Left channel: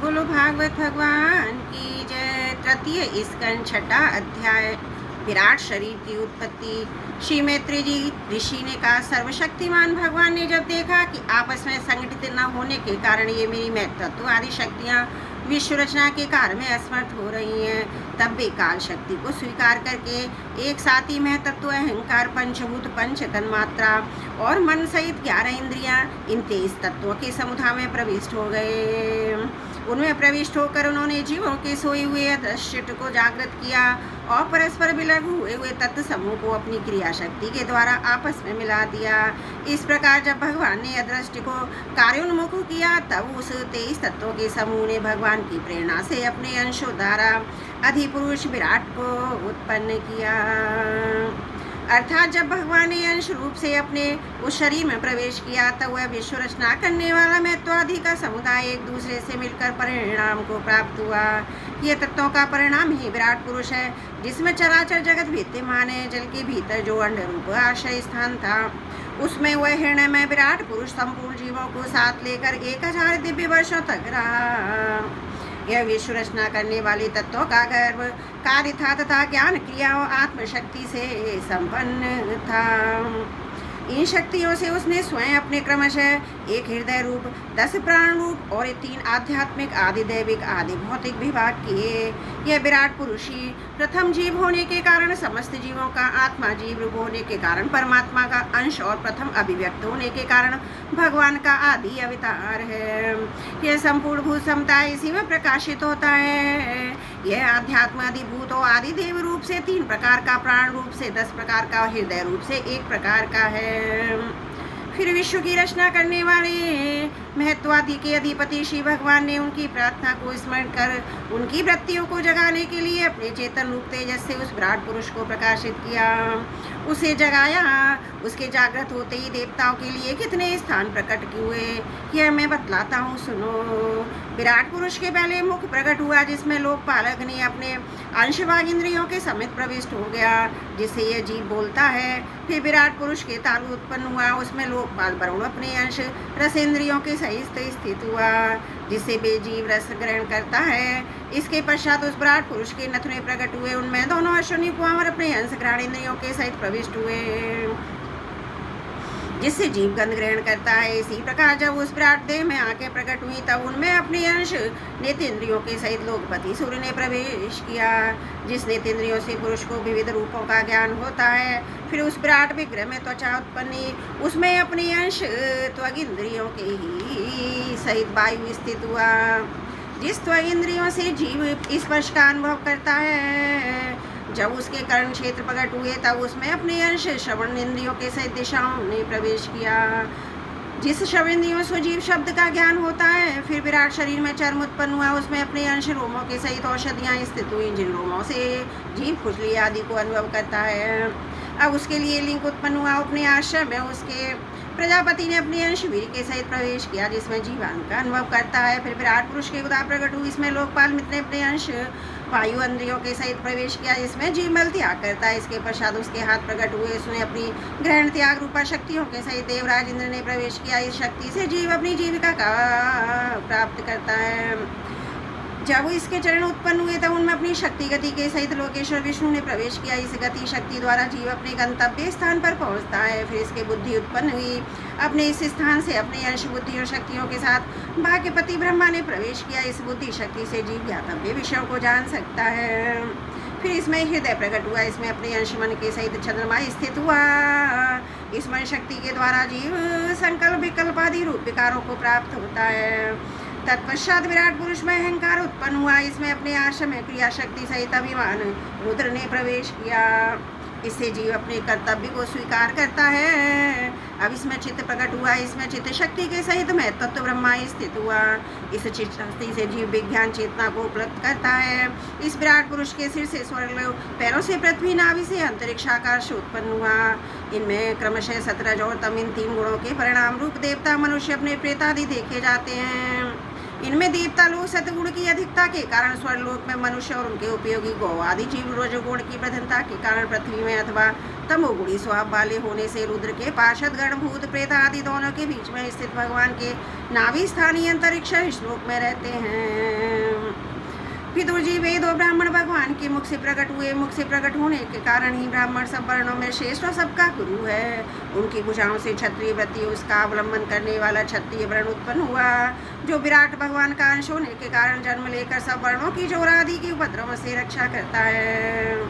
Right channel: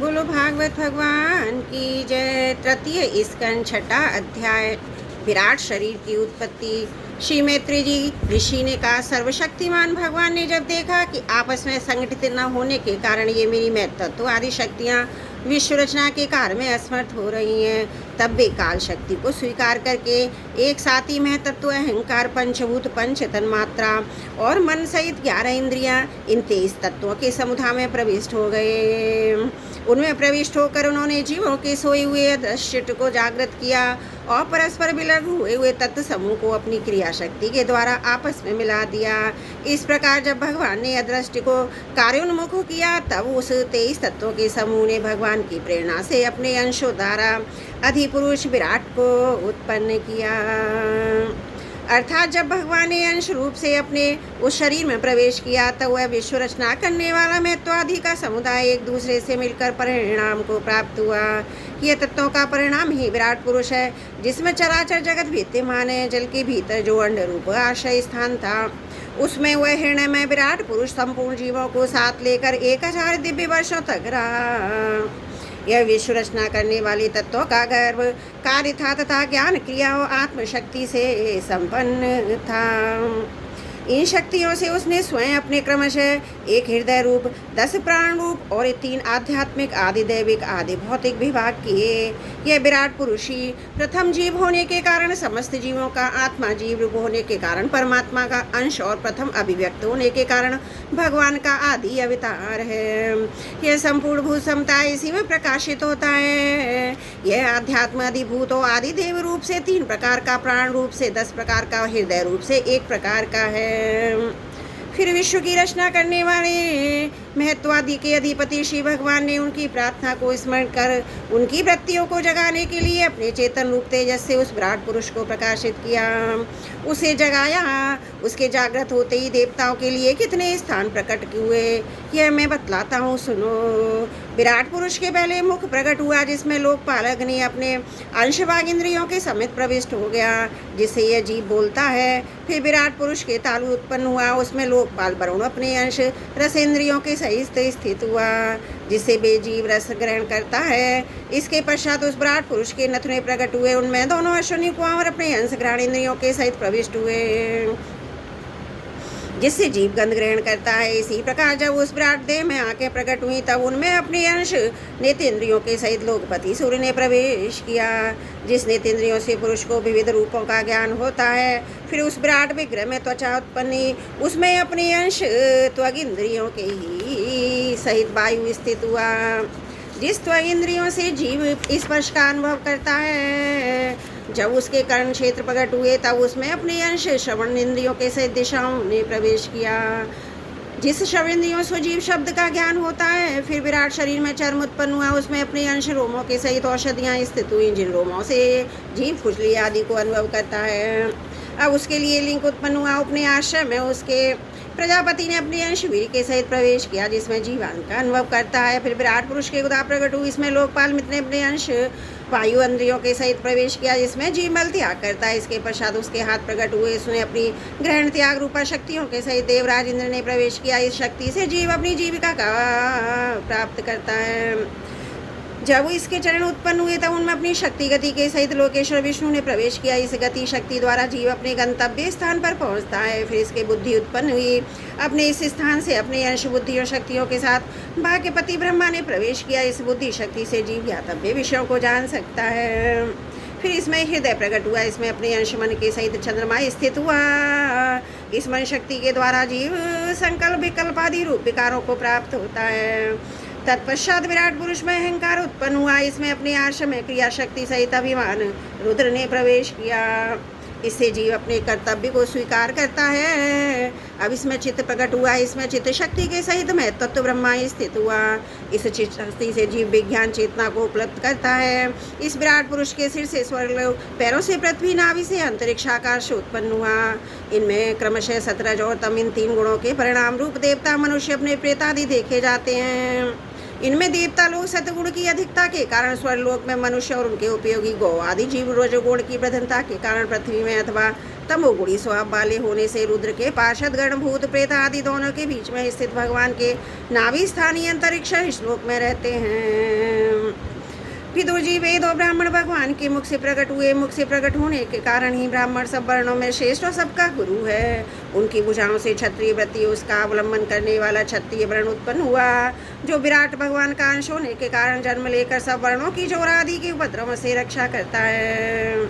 बोलो भागवत भगवान की जय। तृतीय स्कंद छठा अध्याय। विराट शरीर की उत्पत्ति। श्री मैत्री जी ऋषि ने कहा, सर्वशक्तिमान भगवान ने जब देखा कि आपस में संगठित न होने के कारण ये मेरी महत्त्व आदि शक्तियाँ विश्व रचना के कार्य में असमर्थ हो रही हैं, तब वे काल शक्ति को स्वीकार करके एक साथ ही महतत्व अहंकार पंचभूत पंच तन्मात्रा और मन सहित 11 इंद्रियां इन 23 तत्वों के समुदाय में प्रविष्ट हो गए। उनमें प्रविष्ट होकर उन्होंने जीवों के सोए हुए अदृश्य को जागृत किया और परस्पर विलग हुए हुए तत्व समूह को अपनी क्रिया शक्ति के द्वारा आपस में मिला दिया। इस प्रकार जब भगवान ने अदृश्य को कार्योन्मुख किया, तब उस 23 तत्वों के समूह ने भगवान की प्रेरणा से अपने अंशों द्वारा अधिपुरुष विराट को उत्पन्न किया। अर्थात जब भगवान ने अंश रूप से अपने उस शरीर में प्रवेश किया, तब वह विश्व रचना करने वाला महत्वादि का समुदाय एक दूसरे से मिलकर परिणाम को प्राप्त हुआ। यह तत्वों का परिणाम ही विराट पुरुष है, जिसमें चराचर जगत विद्यमान है। जल के भीतर जो अंड रूप आश्रय स्थान था, उसमें वह हृदय में विराट पुरुष संपूर्ण जीवों को साथ लेकर 1000 दिव्य वर्षों तक रहा। यह विश्व रचना करने वाले तत्वों का गर्भ कार्य था तथा ज्ञान क्रिया और आत्मशक्ति से संपन्न था। इन शक्तियों से उसने स्वयं अपने क्रमशः एक हृदय रूप, 10 प्राण रूप और 3 आध्यात्मिक आदि दैविक आदि भौतिक विभाग किए। यह विराट पुरुष ही प्रथम जीव होने के कारण समस्त जीवों का आत्मा, जीव रूप होने के कारण परमात्मा का अंश और प्रथम अभिव्यक्त होने के कारण भगवान का आदि अवतार है। यह संपूर्ण भूत समता इसी में प्रकाशित होता है। यह आध्यात्म अधिभूत और आदि देव रूप से 3 प्रकार का, प्राण रूप से 10 प्रकार का, हृदय रूप से 1 प्रकार का है। फिर विश्व की रचना करने वाले महत्वादि के अधिपति श्री भगवान ने उनकी प्रार्थना को स्मरण कर उनकी वृत्तियों को जगाने के लिए अपने चेतन रूप तेजस से उस विराट पुरुष को प्रकाशित किया, उसे जगाया। उसके जागृत होते ही देवताओं के लिए कितने स्थान प्रकट हुए, यह मैं बतलाता हूँ, सुनो। विराट पुरुष के पहले मुख प्रकट हुआ, जिसमें लोकपालक ने अपने अंश वाग इंद्रियों के समेत प्रविष्ट हो गया, जिससे यह जीव बोलता है। फिर विराट पुरुष के तालु उत्पन्न हुआ, उसमें लोकपाल वरुण अपने अंश रसेंद्रियों के सहित स्थित हुआ, जिससे वे जीव रस ग्रहण करता है। इसके पश्चात उस विराट पुरुष के नथुने प्रकट हुए, उनमें दोनों अश्विनी कुमार अपने अंश ग्रहण इंद्रियों के सहित प्रविष्ट हुए, जिससे जीव गंध ग्रहण करता है। इसी प्रकार जब उस विराट देह में आंखें प्रकट हुई, तब उनमें अपने अंश नेतेंद्रियों के सहित लोकपति सूर्य ने प्रवेश किया, जिस नेतेंद्रियों से पुरुष को विविध रूपों का ज्ञान होता है। फिर उस विराट विग्रह में त्वचा उत्पन्न, उसमें अपने अंश त्वग इंद्रियों के ही सहित वायु स्थित हुआ। जिस त्वग इंद्रियों से जीव स्पर्श का अनुभव करता है, जब उसके कर्ण क्षेत्र प्रकट हुए, तब उसमें अपने अंश श्रवण इंद्रियों के सहित दिशाओं ने प्रवेश किया, जिस श्रवण इंद्रियों से जीव शब्द का ज्ञान होता है। फिर विराट शरीर में चर्म उत्पन्न हुआ, उसमें अपने अंश रोमों के सहित औषधियाँ स्थित हुई, जिन रोमों से जीव खुजली आदि को अनुभव करता है। अब उसके लिए लिंग उत्पन्न हुआ, अपने आश्रम में उसके प्रजापति ने अपने अंश वीर के सहित प्रवेश किया, जिसमें जीवान का अनुभव करता है। फिर विराट पुरुष के उदा प्रकट हुई, इसमें लोकपाल मित्र ने अपने अंश वायु इंद्रियों के सहित प्रवेश किया, जिसमें जीव बल त्याग करता है। इसके पश्चात उसके हाथ प्रकट हुए, उसने अपनी ग्रहण त्याग रूपा शक्तियों के सहित देवराज इंद्र ने प्रवेश किया। इस शक्ति से जीव अपनी जीविका का प्राप्त करता है। जब इसके चरण उत्पन्न हुए, तब उनमें अपनी शक्ति गति के सहित लोकेश्वर विष्णु ने प्रवेश किया। इस गति शक्ति द्वारा जीव अपने गंतव्य स्थान पर पहुंचता है। फिर इसके बुद्धि उत्पन्न हुई, अपने इस स्थान से अपने अंश बुद्धि और शक्तियों के साथ भाग्यपति ब्रह्मा ने प्रवेश किया। इस बुद्धि शक्ति से जीव ज्ञातव्य विषयों को जान सकता है। फिर इसमें हृदय प्रकट हुआ, इसमें अपने अंश मन के सहित चंद्रमा स्थित हुआ। इस मन शक्ति के द्वारा जीव संकल्प विकल्प आदि रूप विकारों को प्राप्त होता है। तत्पश्चात विराट पुरुष में अहंकार उत्पन्न हुआ, इसमें अपने आश्रम में क्रिया शक्ति सहित अभिमान रुद्र ने प्रवेश किया। इससे जीव अपने कर्तव्य को स्वीकार करता है। अब इसमें चित्त प्रकट हुआ, इसमें चित्त शक्ति के सहित महत्त्व ब्रह्मा स्थित हुआ। इस चित्त शक्ति से जीव विज्ञान चेतना को उपलब्ध करता है। इस विराट पुरुष के सिर से स्वर्ग, पैरों से पृथ्वी, नाभि से अंतरिक्ष आकाश उत्पन्न हुआ। इनमें क्रमशः सतरज और तम, इन 3 गुणों के परिणाम रूप देवता, मनुष्य, अपने प्रेतादि देखे जाते हैं। इनमें देवता लोग सतगुण की अधिकता के कारण स्वर्लोक में मनुष्य और उनके उपयोगी गौ आदि जीव रजोगुण की प्रधानता के कारण पृथ्वी में अथवा तमोगुणी स्वभाव वाले होने से रुद्र के पार्षद गण भूत प्रेत आदि दोनों के बीच में स्थित भगवान के नाभि स्थानीय अंतरिक्ष श्लोक में रहते हैं। विदुर जी वेद और ब्राह्मण भगवान के मुख से प्रकट हुए। मुख से प्रकट होने के कारण ही ब्राह्मण सब वर्णों में श्रेष्ठ और सबका गुरु है। उनकी भुजाओं से क्षत्रिय वृत्ति उसका अवलंबन करने वाला क्षत्रिय वर्ण उत्पन्न हुआ, जो विराट भगवान का अंश होने के कारण जन्म लेकर सब वर्णों की जोर आदि के उपद्रव से रक्षा करता है।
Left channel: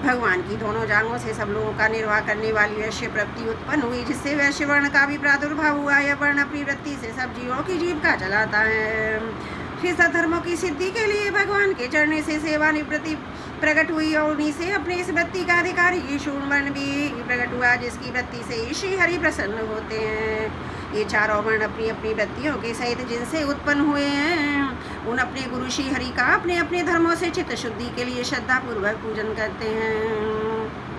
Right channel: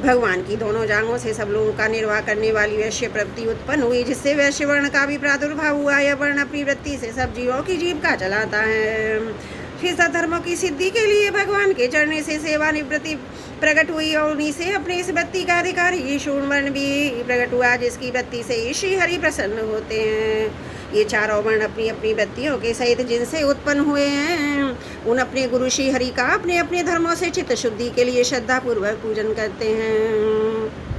भगवान की दोनों जांघों से सब लोगों का निर्वाह करने वाली वैश्य प्रवृत्ति उत्पन्न हुई, जिससे वैश्य वर्ण का भी प्रादुर्भाव हुआ। यह वर्ण अपनी वृत्ति से सब जीवों की जीविका चलाता है। फिर धर्मों की सिद्धि के लिए भगवान के चढ़ने से सेवानिवृत्ति प्रकट हुई और उन्हीं से अपनी इस वृत्ति का अधिकारी शूर्ण वर्ण भी प्रकट हुआ, जिसकी वृत्ति से ही श्री हरि प्रसन्न होते हैं। ये चारों वर्ण अपनी अपनी वृत्तियों के सहित जिनसे उत्पन्न हुए हैं, उन अपने गुरु श्री हरि का अपने अपने धर्मों से चित्त शुद्धि के लिए श्रद्धा पूर्वक पूजन करते हैं।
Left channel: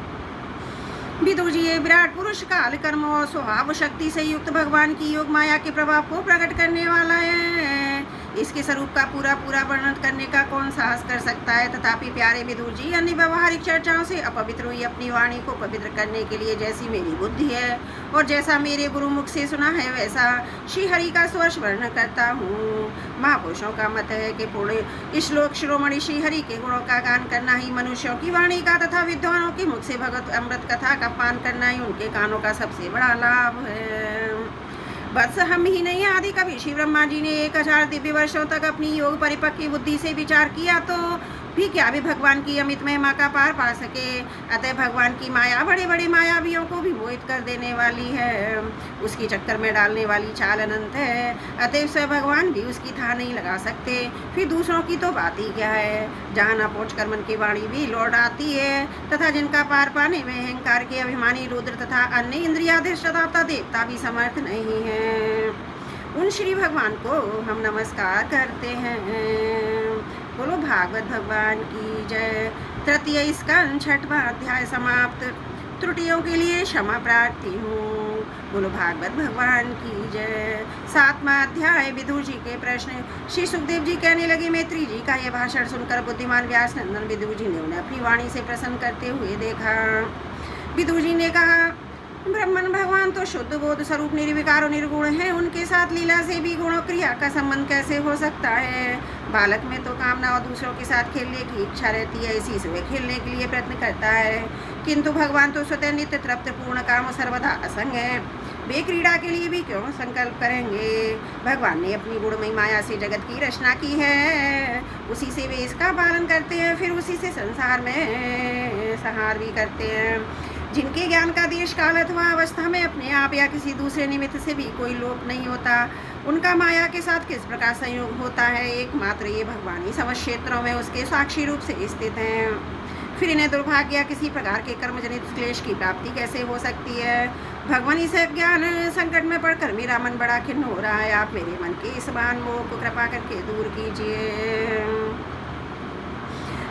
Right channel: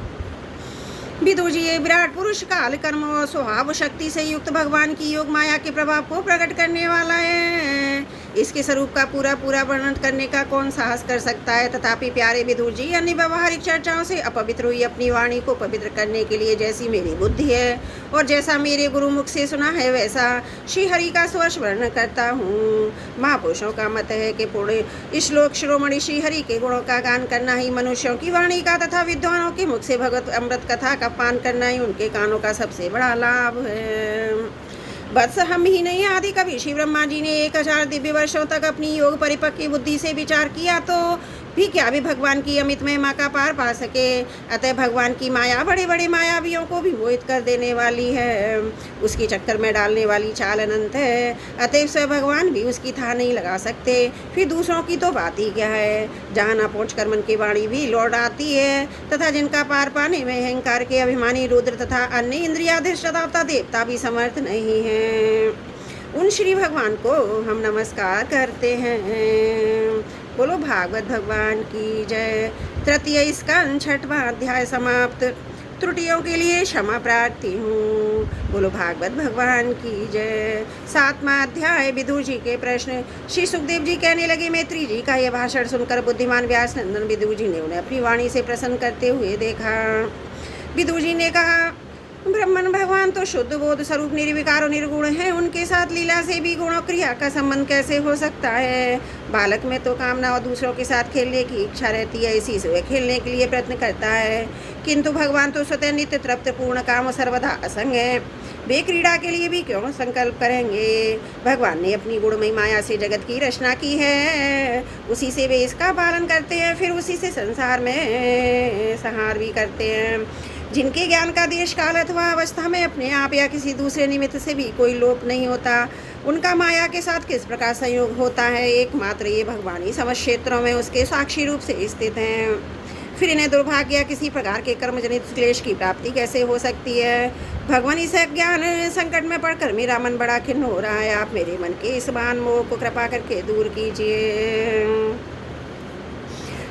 विदुर जी विराट पुरुष काल कर्म और स्वभाव शक्ति से युक्त भगवान की योग माया के प्रभाव को प्रकट करने वाला है। इसके स्वरूप का पूरा पूरा वर्णन करने का कौन साहस कर सकता है। तथापि प्यारे विदुर जी, अन्य व्यवहारिक चर्चाओं से अपवित्र हुई अपनी वाणी को पवित्र करने के लिए जैसी मेरी बुद्धि है और जैसा मेरे गुरु मुख से सुना है, वैसा श्री हरि का स्वर्ष वर्णन करता हूँ। महापुरुषों का मत है कि पूर्ण श्लोक शिरोमणि श्री हरि के गुणों का गान करना ही मनुष्यों की वाणी का तथा विद्वानों के मुख से भगवत अमृत कथा का पान करना ही उनके कानों का सबसे बड़ा लाभ है। बस हम ही नहीं, आदि कवि श्री ब्रह्मा जी ने 1000 दिव्य वर्षों तक अपनी योग परिपक्व बुद्धि से विचार किया तो भी क्या भी भगवान की अमित महिमा का पार पा सके। अतः भगवान की माया बड़े बड़े मायावियों को भी मोहित कर देने वाली है, उसकी चक्कर में डालने वाली चाल अनंत है। अतः स्वयं भगवान भी उसकी था नहीं लगा सकते, फिर दूसरों की तो बात ही क्या है। जहाँ न पहुँच कर मन की वाणी भी लौट आती है तथा जिनका पार पाने में अहंकार के अभिमानी रुद्र तथा अन्य इंद्रियाधिष्ठाता देवता भी समर्थ नहीं है, उन श्री भगवान को हम नमस्कार करते हैं। बोलो भागवत भगवान की जय। तृतीय स्कंद 6वां अध्याय समाप्त। त्रुटियों के लिए क्षमा प्रार्थी हूँ। बोलो भागवत भगवान की जय। 7वां अध्याय विदुर जी के प्रश्न। श्री सुखदेव जी कहने लगे, मैत्री जी का यह भाषण सुनकर बुद्धिमान व्यास नंदन विदुर जी ने उन्हें अपनी वाणी से प्रसन्न करते हुए देखा। विदुर जी ने कहा, ब्रह्मन भगवान तो शुद्ध बोध स्वरूप निर्विकार और निर्गुण है, उनके साथ लीला से भी गुण और क्रिया का संबंध कैसे हो सकता है। बालक में तो कामना और दूसरों के साथ खेलने की इच्छा रहती है, इसी से वह खेलने के लिए प्रयत्न करता है, किंतु भगवान तो स्वतः नित्य तृप्त पूर्ण काम सर्वदा असंग है, वे क्रीड़ा के लिए भी क्यों संकल्प करेंगे। भगवान ने अपनी गुणमयी माया से जगत की रचना की है, उसी से वे इसका पालन करते हैं, फिर उसी से संसार में संहार भी करते हैं। जिनके ज्ञान का देश काल अथवा अवस्था में अपने आप या किसी दूसरे निमित्त से भी कोई लोप नहीं होता, उनका माया के साथ किस प्रकार संयोग होता है। एकमात्र ये भगवान ही समस्त क्षेत्रों में उसके साक्षी रूप से स्थित हैं। फिर इन्हें दुर्भाग्य या किसी प्रकार के कर्मजनित क्लेश की प्राप्ति कैसे हो सकती है। भगवान इस ज्ञान संकट में पड़कर मेरा मन बड़ा खिन्न हो रहा है, आप मेरे मन के इस मान मोह को कृपा करके दूर कीजिए।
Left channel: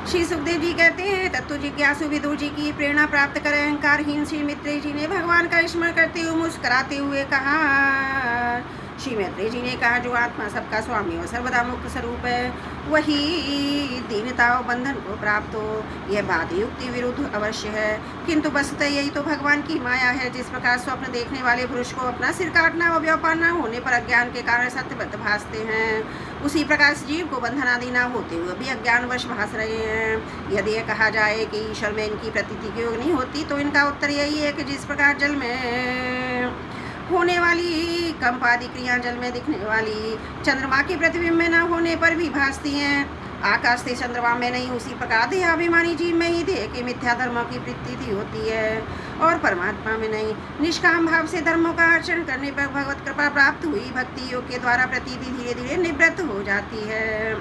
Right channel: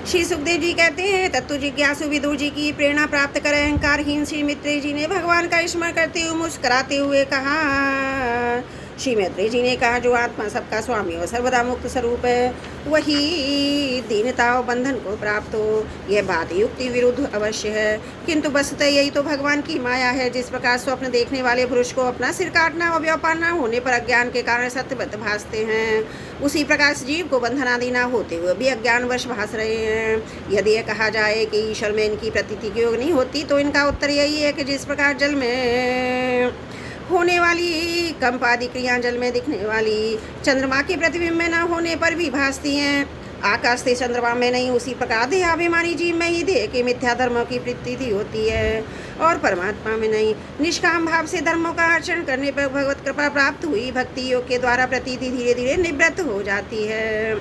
श्री सुखदेव जी कहते हैं, तत्व जिज्ञासु विदुर जी की प्रेरणा प्राप्त कर अहंकारहीन श्री मैत्रेय जी ने भगवान का स्मरण करते हुए मुस्कुराते हुए कहा। श्री मैत्रेय जी ने कहा, जो आत्मा सबका स्वामी और सर्वदा मुक्त स्वरूप है, वही दीनता और बंधन को प्राप्त हो। यह बात युक्ति विरुद्ध अवश्य है, किंतु वस्तुतः यही तो भगवान की माया है। जिस प्रकार स्वप्न देखने वाले पुरुष को अपना सिर काटना और व्यापार न होने पर अज्ञान के कारण सत्यवत भासते हैं, उसी प्रकार जीव को बंधनादि न होते हुए भी अज्ञानवश भास रहे हैं। यदि यह कहा जाए कि ईश्वर में इनकी प्रतीति की योग नहीं होती, तो इनका उत्तर यही है कि जिस प्रकार जल में होने वाली कंप आदि क्रिया जल में दिखने वाली चंद्रमा के प्रतिबिंब में न होने पर भी भासती हैं, आकाश से चंद्रमा में नहीं, उसी प्रकार देहाभिमानी जीव में ही देह के मिथ्या धर्मों की प्रतीति होती है और परमात्मा में नहीं। निष्काम भाव से धर्मों का आचरण करने पर भगवत कृपा प्राप्त हुई भक्ति योग के द्वारा प्रतीति धीरे धीरे निवृत्त हो जाती है।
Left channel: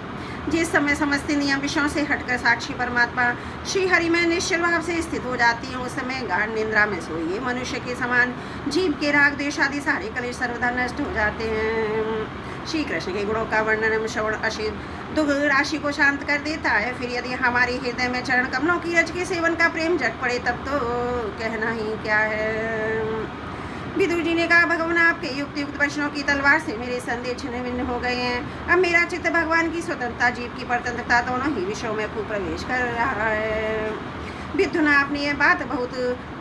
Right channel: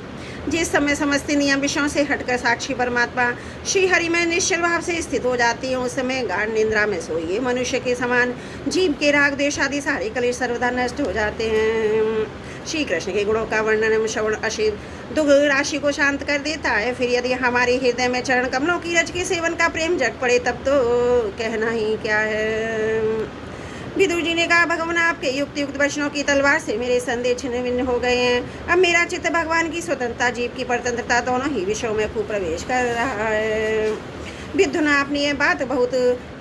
जिस समय समस्त नियम विषयों से हटकर साक्षी परमात्मा श्री हरि में निश्चल भाव से स्थित हो जाती है, उस समय गाढ़ निद्रा में सोइए मनुष्य के समान जीव के राग द्वेष आदि सारे कलेश सर्वदा नष्ट हो जाते हैं। श्री कृष्ण के गुणों का वर्णन श्रवण अशिव दुख राशि को शांत कर देता है। फिर यदि हमारे हृदय में चरण कमलों की रज के सेवन का प्रेम जग पड़े, तब तो कहना ही क्या है। विदुर जी ने कहा, भगवान आपके युक्त युक्त वचनों की तलवार से मेरे संदेह छिन्न भिन्न हो गए हैं। अब मेरा चित्त भगवान की स्वतंत्रता, जीव की परतंत्रता दोनों ही विषयों में खूब प्रवेश कर रहा है। विद्युना, आपने यह बात बहुत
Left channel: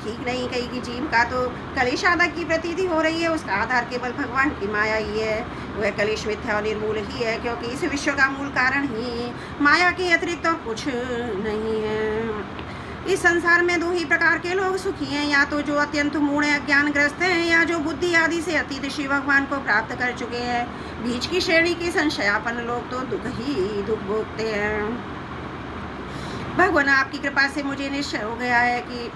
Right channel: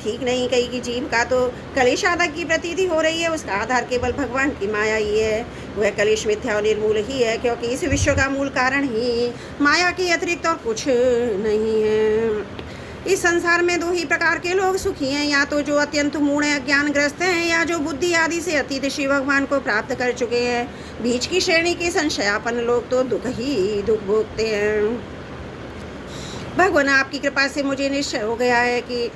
ठीक नहीं कही कि जीव का तो कलेश आदि की प्रतीति हो रही है, उसका आधार केवल भगवान की माया ही है। वह कलेश मिथ्या और निर्मूल ही है, क्योंकि इस विश्व का मूल कारण ही माया के अतिरिक्त और कुछ नहीं है। इस संसार में दो ही प्रकार के लोग सुखी हैं, या तो जो अत्यंत मूढ़ अज्ञानग्रस्त हैं, या जो बुद्धि आदि से अतीत शिव भगवान को प्राप्त कर चुके हैं। बीच की श्रेणी के संशयापन लोग तो दुख ही दुख भोगते हैं। भगवान, आपकी कृपा से मुझे निश्चय हो गया है कि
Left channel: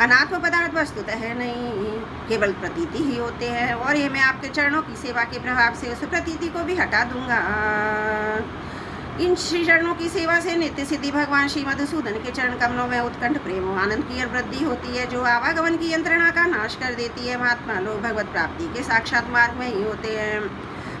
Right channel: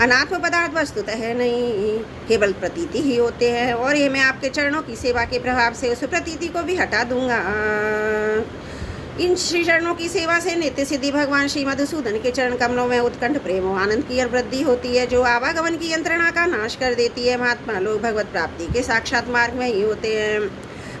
अनात्म पदार्थ वस्तुतः है नहीं, केवल प्रतीति ही होते हैं, और ये मैं आपके चरणों की सेवा के प्रभाव से उस प्रतीति को भी हटा दूंगा। इन श्री चरणों की सेवा से नित्य सिद्धि भगवान श्री मधुसूदन के चरण कमलों में उत्कंठ प्रेम व आनंद की वृद्धि होती है, जो आवागमन की यंत्रणा का नाश कर देती है। महात्मा लोग भगवत प्राप्ति के साक्षात मार्ग में ही होते हैं।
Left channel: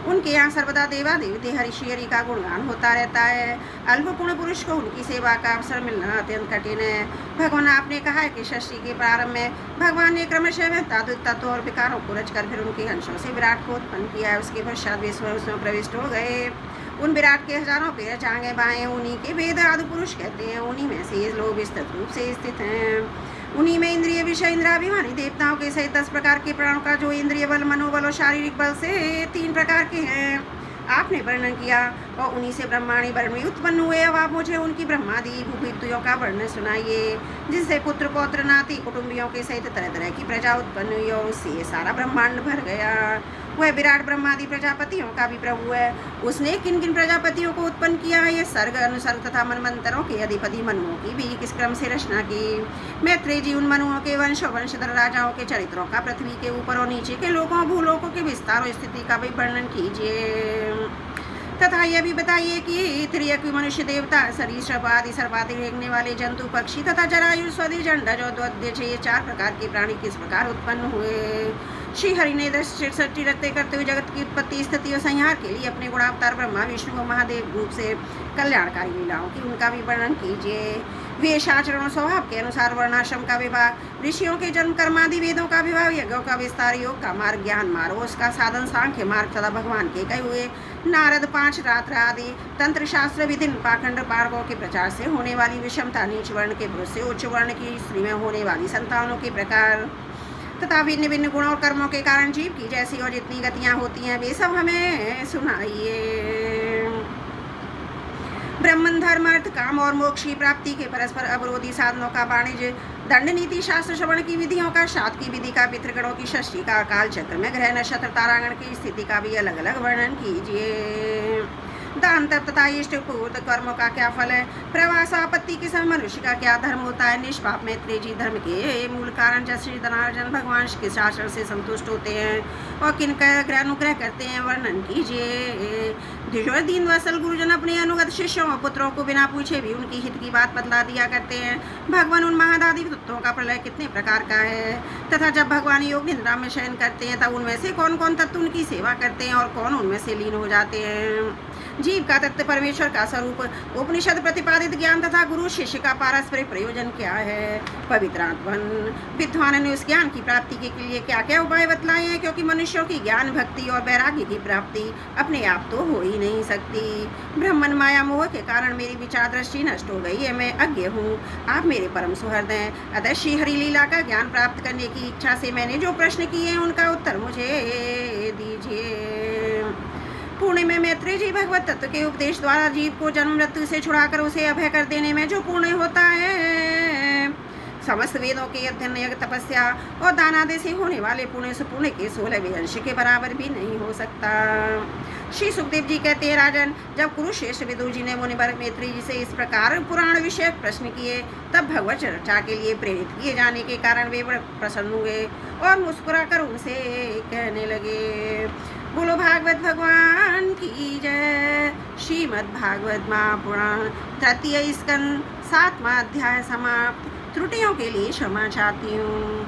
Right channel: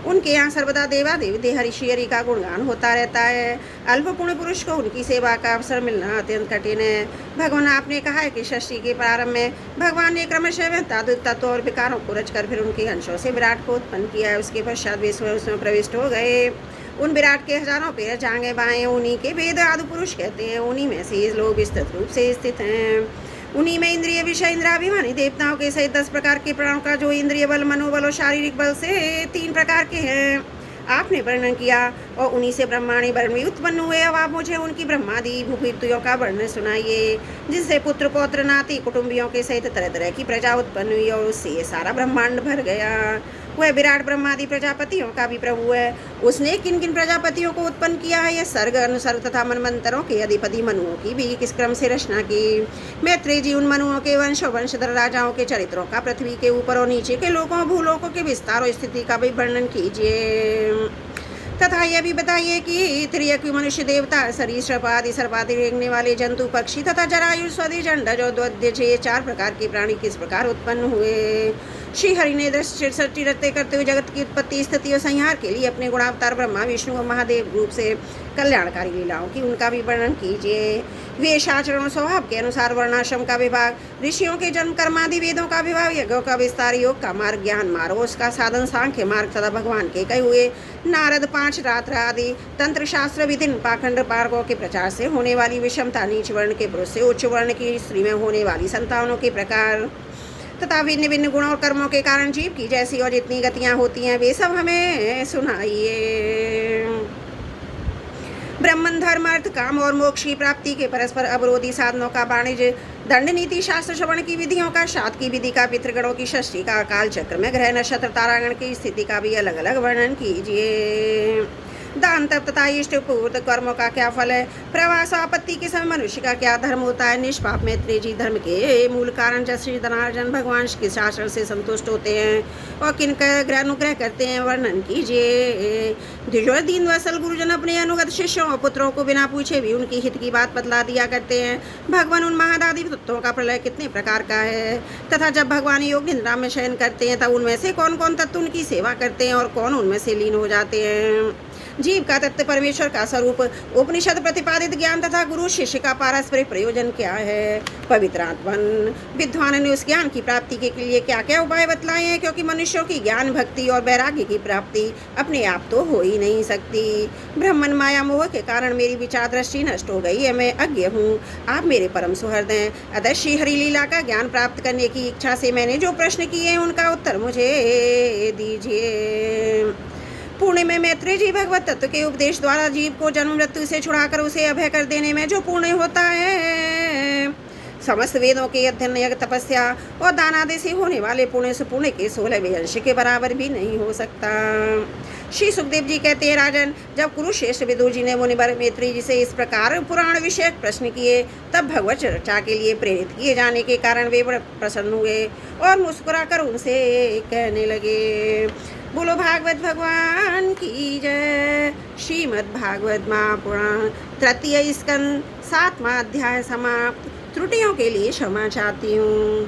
उनके यहाँ सर्वदा देवादेव देहऋषि हरि का गुणगान होता रहता है। अल्प पुण्य पुरुष को उनकी सेवा का अवसर मिलना अत्यंत कठिन है। भगवान, आपने कहा है कि षष्ठी के प्रारंभ में भगवान ने क्रमशः तत्व और विकारों को रचकर फिर उनके अंशों से विराट को उत्पन्न किया है। उसके पश्चात विश्व उसमें प्रविष्ट हो गए। उन विराट के हजारों पैर जांघें बाएं, उन्हीं के वेद आदि पुरुष कहते हैं। उन्हीं में से ये लोग विस्तृत रूप से स्थित हैं। उन्हीं में इंद्रिय विषय इंद्राभिमानी देवताओं के सहित 10 प्रकार के प्राणों का, जो इंद्रिय बल, मनोबल और शारीरिक बल से 3 प्रकार के हैं, आपने वर्णन किया, और उन्हीं से ब्रह्माणी वर्ण उत्पन्न हुए। अब आप मुझे उनकी ब्रह्मादि भूपित्तियों का वर्णन सुनाइए, जिससे पुत्र पौत्र नाती कुटुंबियों के सहित तरह तरह की प्रजा उत्पन्न हुई, और उससे ये सारा ब्रह्मांड भर गया। वह विराट ब्रह्मादि प्रजापतियों का भी प्रभु है। उसने किन किन प्रजापतियों को उत्पन्न किया है, यह सर्ग अनुसर्ग तथा मनमंत्रों के अधिपति मनुओं की भी किस क्रम से रचना की। मैत्रेय जी, उन मनुओं के वंशधर राजाओं के चरित्रों का पृथ्वी के ऊपर और नीचे के लोगों भूलोकों के विस्तार और स्थिति का भी वर्णन कीजिए, तथा यह भी बताइए कि त्रियक मनुष्य, देवता, सरीसृप आदि सर्वादि रेंगने वाले जंतु, पक्षी तथा जरायु, स्वदि, जंडज और द्वद्य, ये 4 प्रकार के प्राणी किस प्रकार उत्पन्न हुए। श्री हरि ने सृष्टि रचते करते हुए जगत की उत्पत्ति, स्थिति और संहार के लिए अपने गुणावतार ब्रह्मा विष्णु और महादेव रूप से कल्याणकारी लीलाओं की उनका भी वर्णन कीजिए। वेश आचरण स्वभाव के अनुसार वर्णाश्रम का विभाग, ऋषियों के जन्म कर्मादि, वेदों का विभाग, यज्ञों का विस्तार, योग का मार्ग, ज्ञान मार्ग, उसका साधन सांख्य मार्ग तथा भगवान के कहे हुए नारद 5 रात्र आदि तंत्र शास्त्र विभिन्न पाखंड मार्गों के प्रचार से होने वाली विषमता, नीच वर्ण के पुरुष से उच्च वर्ण की स्त्री में होने वाली संतानों के प्रकार, तथा भिन्न भिन्न गुणों और कर्मों के कारण जीव की जैसी और जितनी गतियां होती हैं, वे सब हमें सुनाइए। ब्रह्मन, धर्म, अर्थ, काम और मोक्ष की प्राप्ति के परस्पर अवरोधी साधनों का वाणिज्य, दंड नीति, शास्त्र श्रवण की विधियों का, श्राद्ध की विधि का, पितृगणों की षष्ठी का, काल चक्र में ग्रह नक्षत्र तारागण की स्थिति का भी अलग अलग वर्णन कीजिए। दान तप तथा इष्ट पूर्त कर्मों का क्या फल है, प्रवास आपत्ति के समय मनुष्य का क्या धर्म होता है। निष्पाप मैत्रेय जी, धर्म के मूल कारण जब श्री धनार्जन भगवान के शासन से संतुष्ट होते हैं और किनका अनुग्रह करते हैं, वर्णन कीजिए। द्विजोर दीन वसल गुरुजन अपने अनुगत शिष्यों और पुत्रों को बिना पूछे भी उनकी हित की बात बतला दिया करते हैं। भगवान, उन महादादी तत्वों का प्रलय कितने प्रकार का है, तथा जब भगवान योग निद्रा में शयन करते हैं तब उनमें से कौन कौन तत्व उनकी सेवा करते हैं और कौन उनमें से लीन हो जाते हैं। जीव का तत्व परमेश्वर का स्वरूप, उपनिषद प्रतिपादित ज्ञान तथा गुरु शिष्य का पारस्परिक प्रयोजन क्या है। पवित्र आत्मन विद्वान ने उस ज्ञान की प्राप्ति के लिए क्या क्या उपाय बतलाए हैं, क्योंकि मनुष्यों की ज्ञान, भक्ति और वैराग्य की प्राप्ति अपने आप तो हो ही नहीं सकती। ब्रह्मन माया मोह के कारण मेरी विचार दृष्टि नष्ट हो गई है, मैं अज्ञ हूँ, आप मेरे परम सुहृद हैं। अतः श्री हरि लीला का ज्ञान प्राप्त करने की इच्छा से मैंने जो प्रश्न किए हैं उनका उत्तर मुझे दीजिए। पुण्य में मैत्रेय जी भगवत तत्व के उपदेश द्वारा जीव को जन्म मृत्यु से छुड़ाकर उसे अभय कर देने में जो पुण्य होता है, समस्त वेदों के अध्ययन, यज्ञ, तपस्या और दान आदि से होने वाले पुण्य से पुण्य के 16वें अंश के बराबर भी नहीं हो सकता। श्री सुखदेव जी कहते हैं, राजन, जब कुरुश्रेष्ठ विदुर जी ने मुनिवर मैत्रेय जी से इस प्रकार पुराण विषयक प्रश्न किए, तब भगवत चर्चा के लिए प्रेरित किए जाने के कारण वे बड़े प्रसन्न हुए और मुस्कुराकर उनसे कहने लगे, बोलो भागवत भगवान की जय। श्रीमद् भागवत महापुराण 3य स्कंद 7वां अध्याय समाप्त। त्रुटियों के लिए क्षमा चाहती हूँ।